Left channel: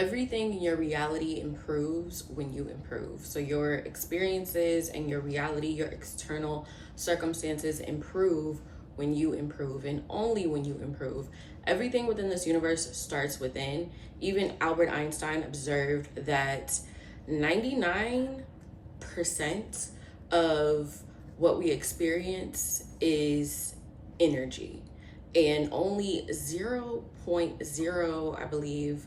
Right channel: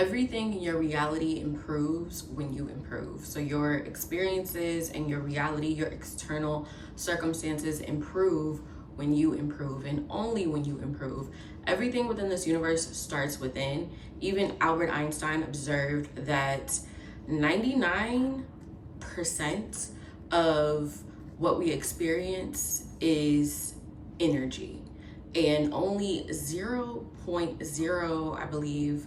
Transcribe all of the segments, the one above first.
Everything in your reality improves when you improve. So your experiences and your reality, your external circumstances improve when you improve, and only when you improve. Everything within this universe starts within. Even Albert Einstein observed that 99% of what we experience is energy, and only 0.0, I believe,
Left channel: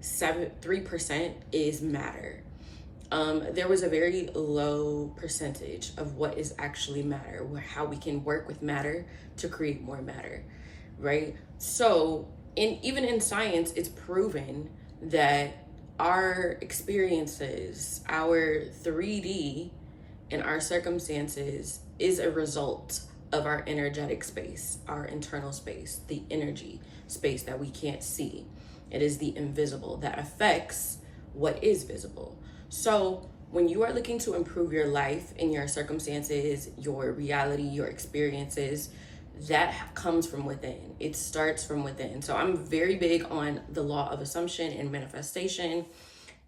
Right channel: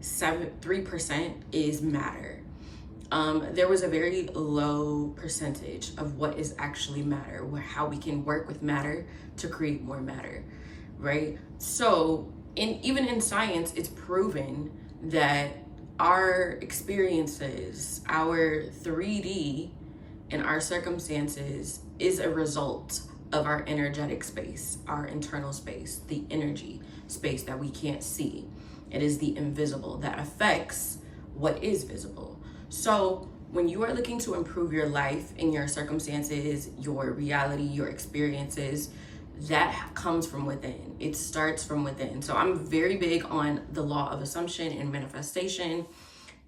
3% is matter. There was a very low percentage of what is actually matter, how we can work with matter to create more matter, right? So, even in science, it's proven that our experiences, our 3D, and our circumstances is a result of our energetic space, our internal space, the energy space that we can't see. It is the invisible that affects what is visible. So when you are looking to improve your life and your circumstances, your reality, your experiences, that comes from within. It starts from within. So I'm very big on the law of assumption and manifestation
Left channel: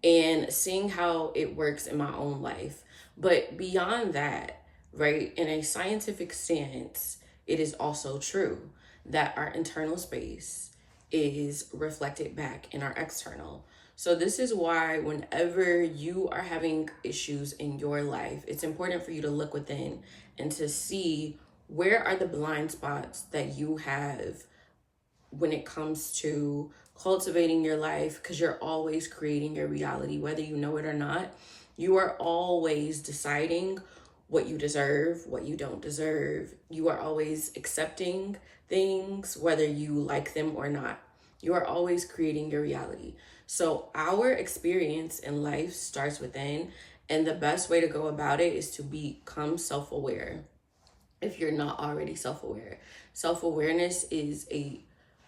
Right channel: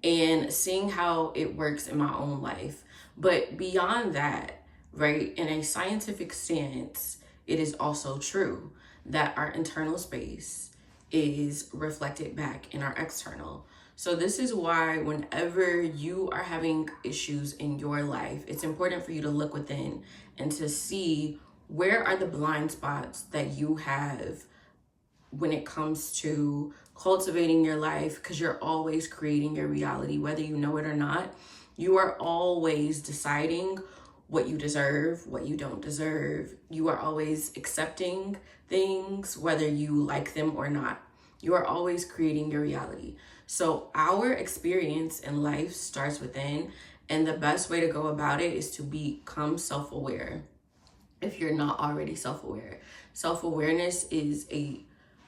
and seeing how it works in my own life. But beyond that, right, in a scientific stance, it is also true that our internal space is reflected back in our external. So this is why whenever you are having issues in your life, it's important for you to look within and to see where are the blind spots that you have when it comes to cultivating your life, because you're always creating your reality, whether you know it or not. You are always deciding what you deserve, what you don't deserve. You are always accepting things, whether you like them or not. You are always creating your reality. So our experience in life starts within, and the best way to go about it is to become self-aware. If you're not already self-aware, self-awareness is a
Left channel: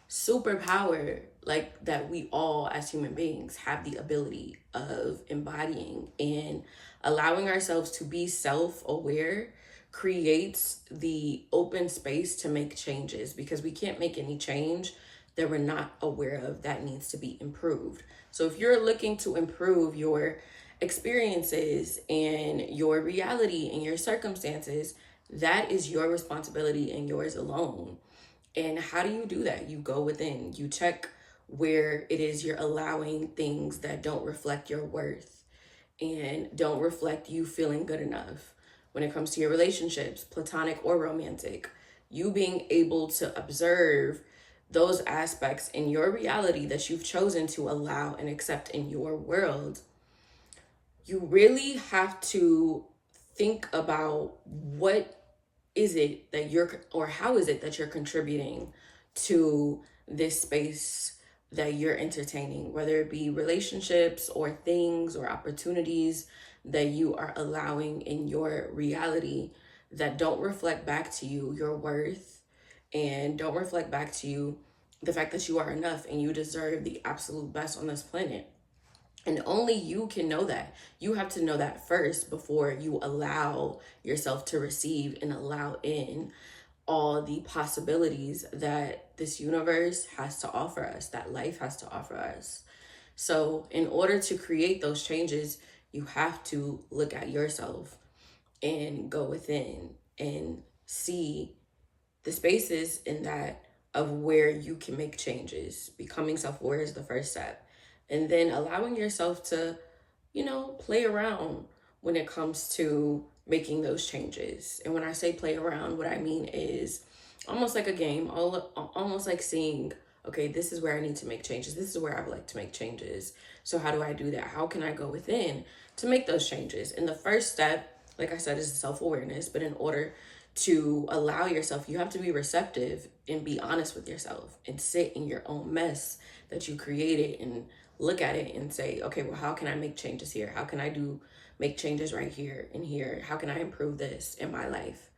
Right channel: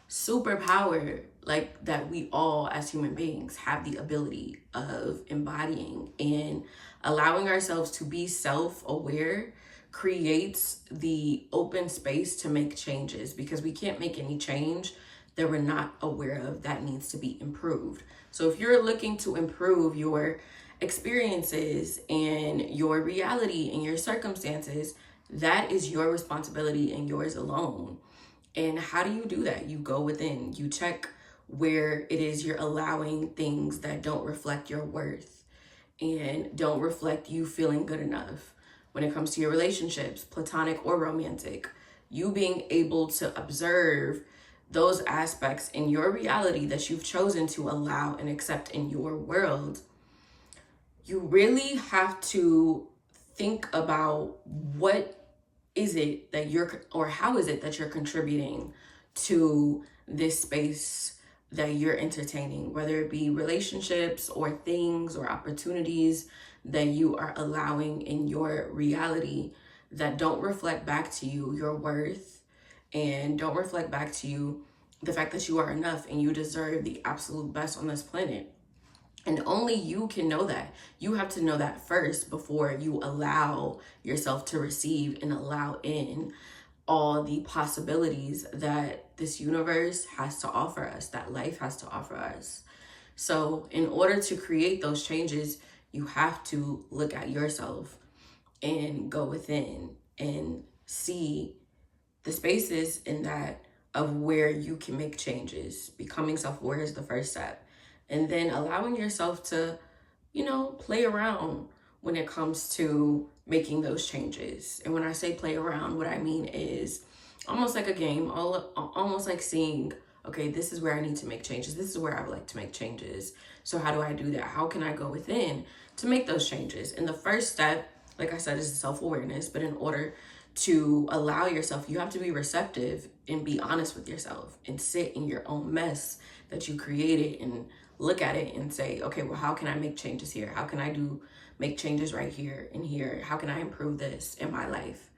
superpower, like, that we all as human beings have the ability of embodying, and allowing ourselves to be self-aware creates the open space to make changes, because we can't make any change that we're not aware of that needs to be improved. So if you're looking to improve your experiences and your reality and your circumstances, that is your responsibility and yours alone. And how do you do that? You go within, you check where it is you're allowing things that don't reflect your worth and don't reflect you feeling good enough. When it comes to your relationships, platonic or romantic, you being able to observe those aspects in your reality that you've chosen to allow and accept in your world, you really have to think about what is it that how is it that you're contributing to this space that you're entertaining, whether it be relationships or things or opportunities that you are allowing in your reality that don't reflect back to you your worth, and don't reflect back to you the fact that you are enough and you deserve the absolute best on this planet. And only you can know that. You have to know that first before you allow yourself to receive and allow in all the possibilities that this universe has to offer us, that life has to offer us. So in order to create those changes, you have to look at yourself and go within and see the spaces in that of where you can make changes. Becoming self-aware is the first step. And then allowing yourself to, play around when it comes to making those changes. And when I say play around, what I mean is almost like a game, almost like seeing, okay, this is where I need to make changes. This is where I would like to make changes. So how do I do that? How can I go within to make those changes? And the first step, like I said, is self-awareness. But in order to allow yourself, you have to be receptive and be honest with yourself and sit in your own mess that you created and look at it and say, okay, well, how can I make changes here? How can I make changes right here and here? How can I improve this in my life,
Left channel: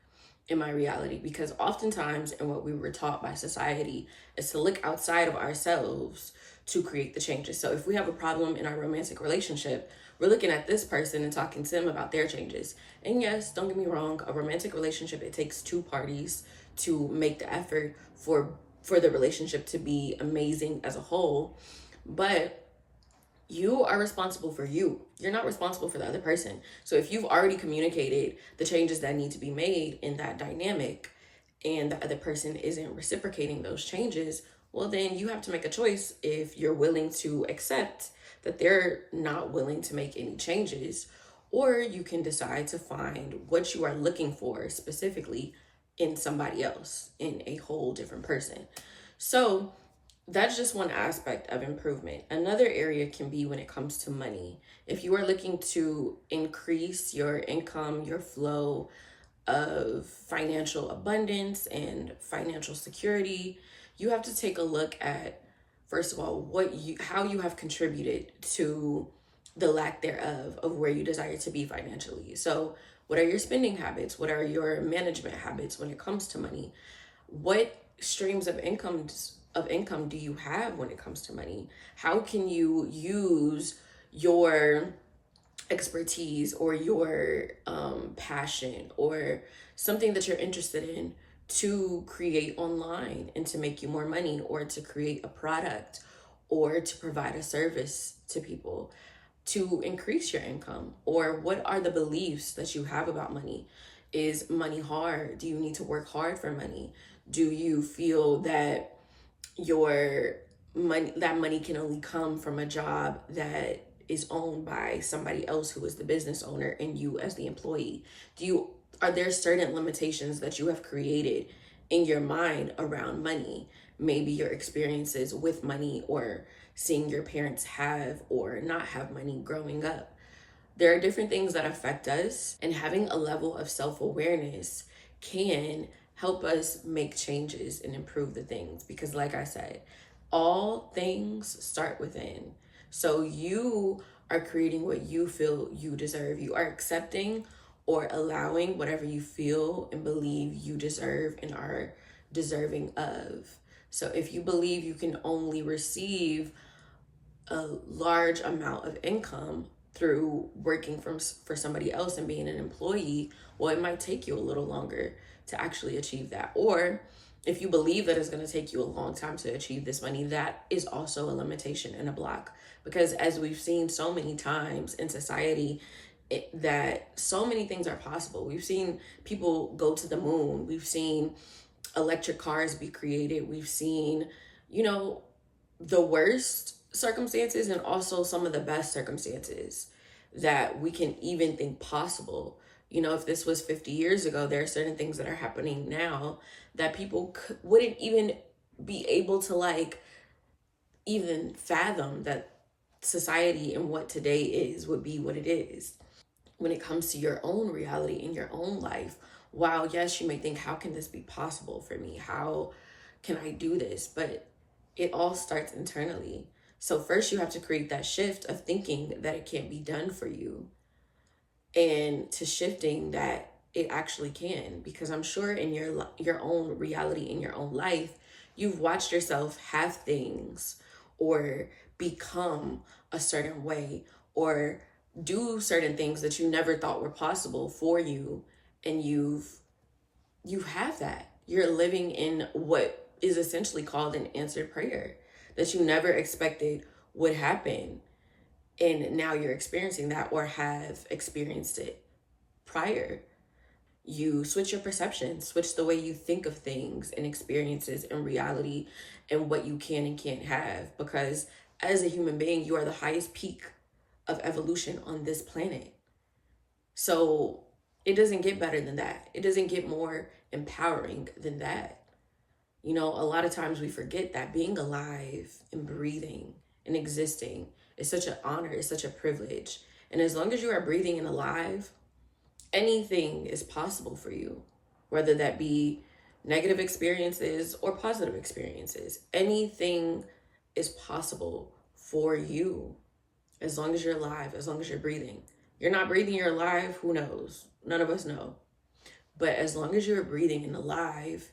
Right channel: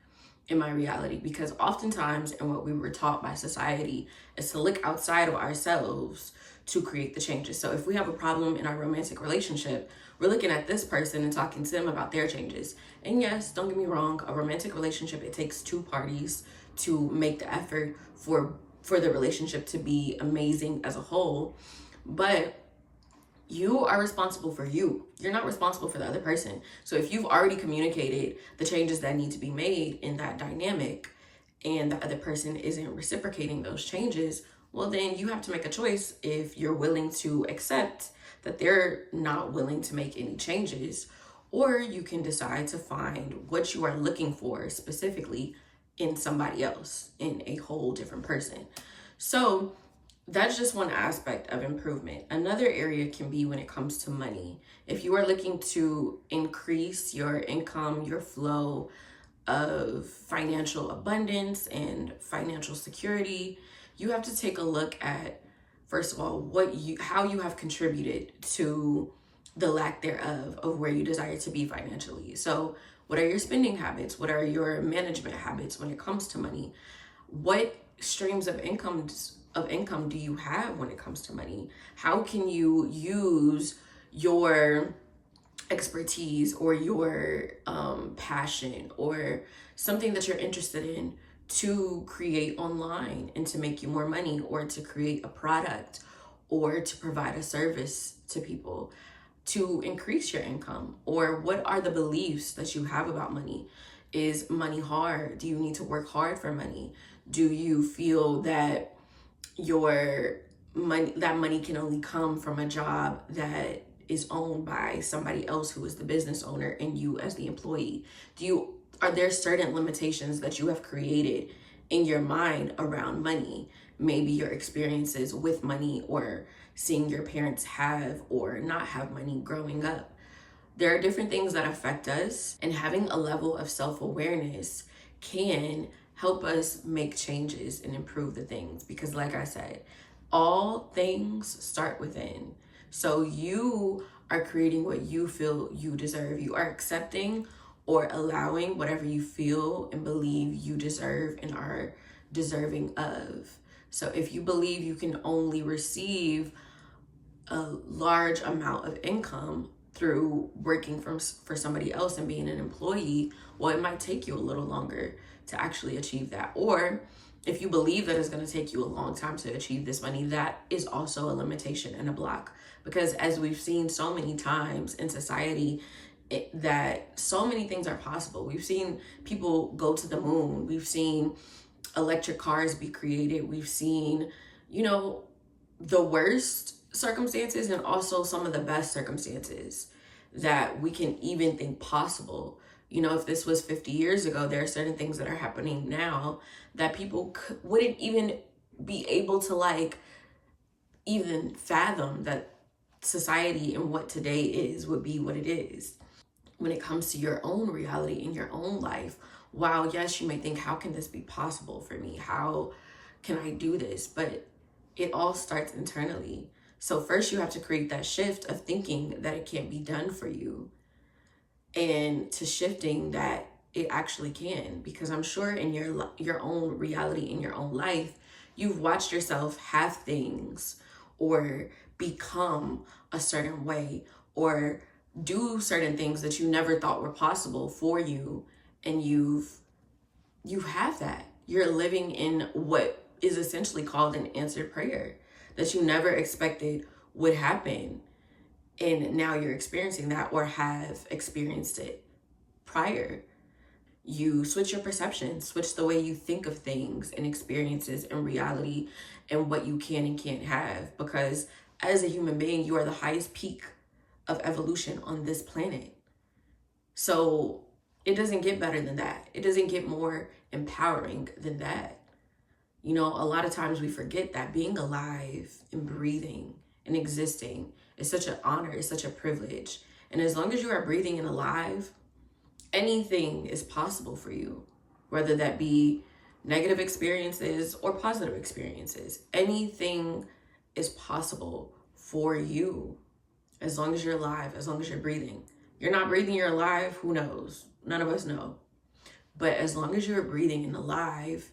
in my reality? Because oftentimes, and what we were taught by society, is to look outside of ourselves to create the changes. So if we have a problem in our romantic relationship, we're looking at this person and talking to them about their changes. And yes, don't get me wrong, a romantic relationship, it takes two parties to make the effort for the relationship to be amazing as a whole. But You are responsible for you. You're not responsible for the other person. So if you've already communicated the changes that need to be made in that dynamic and the other person isn't reciprocating those changes, well, then you have to make a choice if you're willing to accept that they're not willing to make any changes, or you can decide to find what you are looking for specifically in somebody else, in a whole different person. So that's just one aspect of improvement. Another area can be when it comes to money. If you are looking to increase your income, your flow of financial abundance and financial security, you have to take a look at, first of all, how you have contributed to the lack thereof of where you desire to be financially. So what are your spending habits? What are your management habits when it comes to money? What streams of income do you have when it comes to money? How can you use your expertise or your passion or something that you're interested in to create online and to make you more money, or to create a product, or to provide a service to people to increase your income? Or what are the beliefs that you have about money? Is money hard? Do you need to work hard for money? Do you feel that money can only come from a job that is owned by somebody else who is the business owner and you as the employee? Are there certain limitations that you have created in your mind around money? Maybe your experiences with money, or seeing your parents have or not have money growing up. There are different things that affect us, and having a level of self-awareness can help us make changes and improve the things. Because like I said, all things start within. So you are creating what you feel you deserve. You are accepting or allowing whatever you feel and believe you deserve and are deserving of. So if you believe you can only receive a large amount of income through working for somebody else and being an employee, well, it might take you a little longer to actually achieve that. Or if you believe that it's going to take you a long time to achieve this money, that is also a limitation and a block. Because as we've seen so many times in society, that so many things are possible. We've seen people go to the moon. We've seen electric cars be created. We've seen, the worst circumstances and also some of the best circumstances that we can even think possible. If this was 50 years ago, there are certain things that are happening now that people wouldn't even be able to even fathom that society and what today is would be what it is. When it comes to your own reality in your own life, while yes, you may think, how can this be possible for me? How can I do this? But it all starts internally. So first you have to create that shift of thinking that it can't be done for you, and to shifting that it actually can. Because I'm sure in your own reality, in your own life, you've watched yourself have things or become a certain way or do certain things that you never thought were possible for you, and you have that. You're living in what is essentially called an answered prayer that you never expected would happen, and now you're experiencing that or have experienced it prior. You switch your perception, switch the way you think of things and experiences and reality and what you can and can't have, because as a human being, you are the highest peak of evolution on this planet. So it doesn't get better than that. It doesn't get more empowering than that. A lot of times we forget that being alive and breathing and existing is such an honor, it's such a privilege. And as long as you are breathing and alive, anything is possible for you, whether that be negative experiences or positive experiences. Anything is possible for you as long as you're alive, as long as you're breathing. You're not breathing, you're alive, who knows? None of us know. But as long as you're breathing and alive,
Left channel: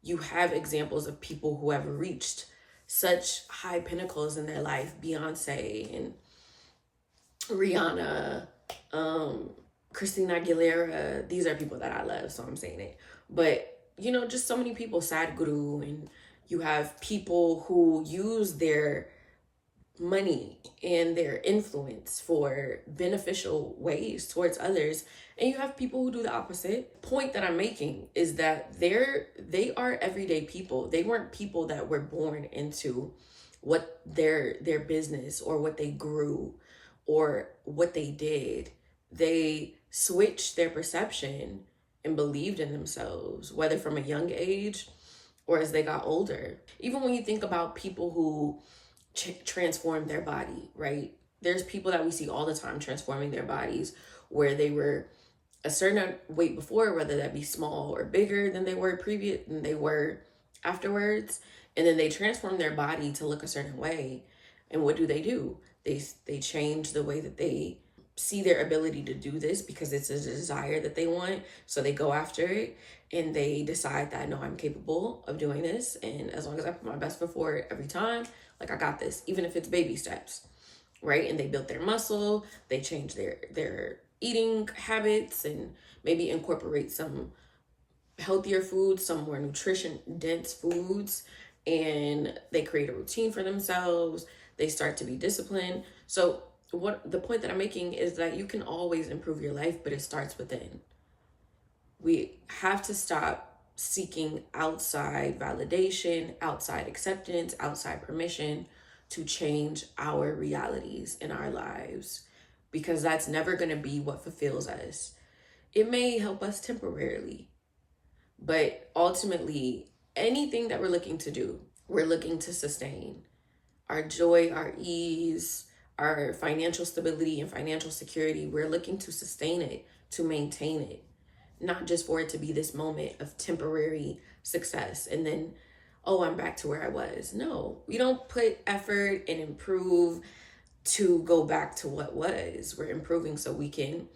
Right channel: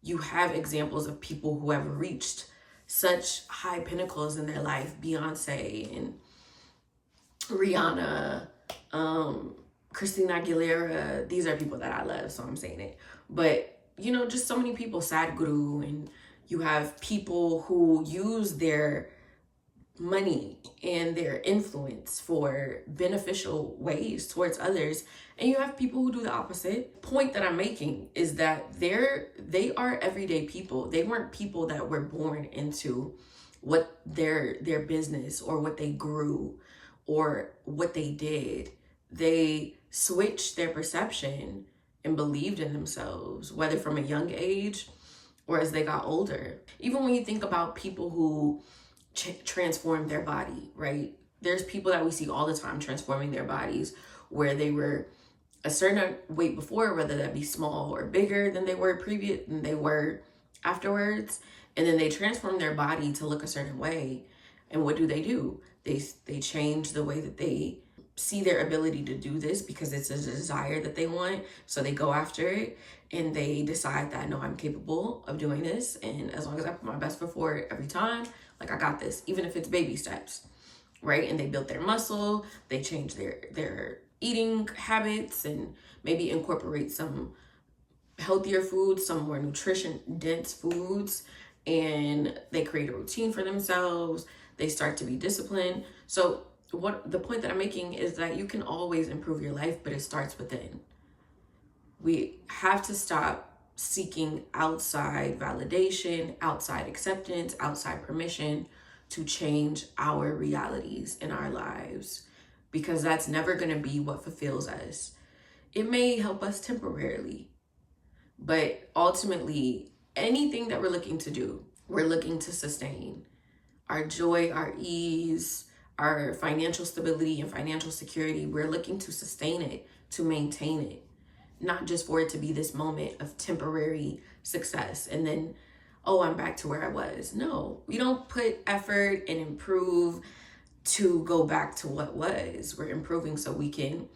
you have examples of people who have reached such high pinnacles in their life. Beyonce and Rihanna, Christina Aguilera. These are people that I love, so I'm saying it. But, just so many people, Sadhguru, and you have people who use their money and their influence for beneficial ways towards others, and you have people who do the opposite. Point that I'm making is that they are everyday people. They weren't people that were born into what their business or what they grew or what they did. They switched their perception and believed in themselves, whether from a young age or as they got older. Even when you think about people who transform their body, right? There's people that we see all the time transforming their bodies where they were a certain weight before, whether that be small or bigger than they were than they were afterwards, and then they transform their body to look a certain way. And what do? They change the way that they see their ability to do this because it's a desire that they want. So they go after it and they decide that, no, I'm capable of doing this. And as long as I put my best foot forward every time, like, I got this, even if it's baby steps, right? And they built their muscle, they change their eating habits and maybe incorporate some healthier foods, some more nutrition dense foods, and they create a routine for themselves. They start to be disciplined. So what the point that I'm making is that you can always improve your life, but it starts within. We have to stop seeking outside validation, outside acceptance, outside permission to change our realities in our lives, because that's never going to be what fulfills us. It may help us temporarily, but ultimately, anything that we're looking to do, we're looking to sustain. Our joy, our ease, our financial stability and financial security, we're looking to sustain it, to maintain it, not just for it to be this moment of temporary success and then, oh, I'm back to where I was. No, we don't put effort and improve to go back to what was. We're improving so we can,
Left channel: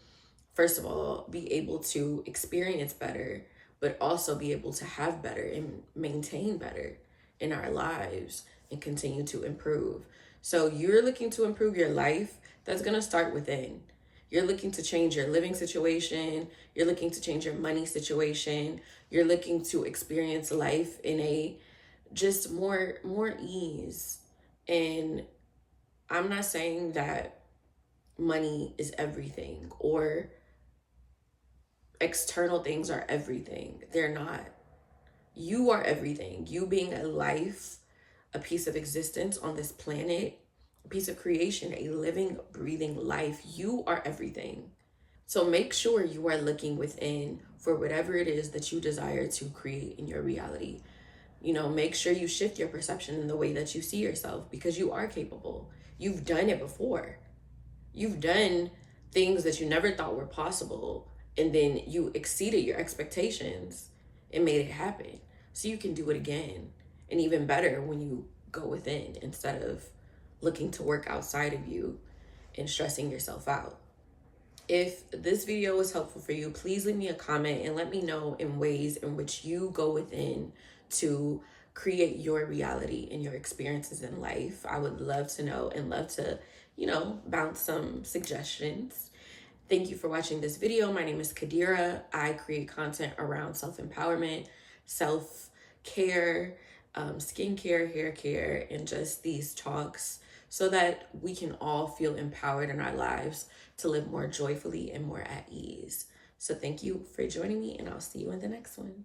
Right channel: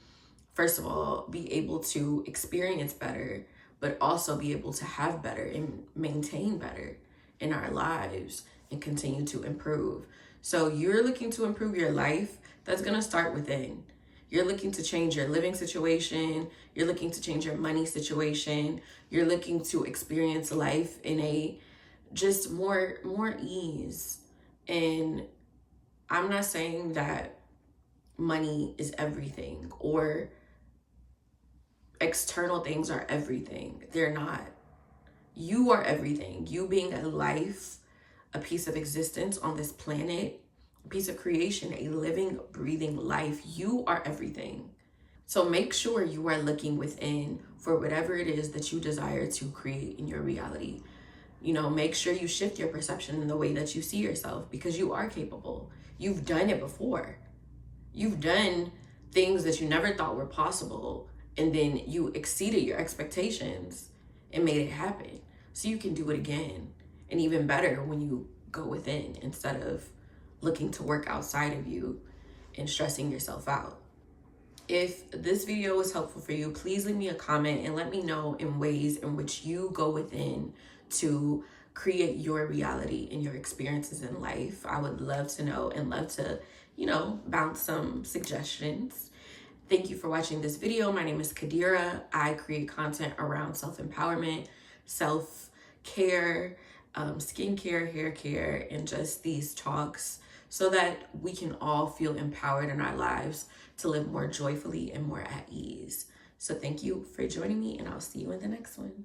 first of all, be able to experience better, but also be able to have better and maintain better in our lives and continue to improve. So you're looking to improve your life, that's going to start within. You're looking to change your living situation. You're looking to change your money situation. You're looking to experience life in a just more ease. And I'm not saying that money is everything or external things are everything. They're not. You are everything. You being a life, a piece of existence on this planet, a piece of creation, a living, breathing life. You are everything. So make sure you are looking within for whatever it is that you desire to create in your reality. You know, make sure you shift your perception in the way that you see yourself, because you are capable. You've done it before. You've done things that you never thought were possible, and then you exceeded your expectations and made it happen. So you can do it again, and even better when you go within instead of looking to work outside of you and stressing yourself out. If this video was helpful for you, please leave me a comment and let me know in ways in which you go within to create your reality and your experiences in life. I would love to know and love to, bounce some suggestions. Thank you for watching this video. My name is Kadira. I create content around self-empowerment, self-care, skincare, hair care, and just these talks so that we can all feel empowered in our lives to live more joyfully and more at ease. So thank you for joining me, and I'll see you in the next one.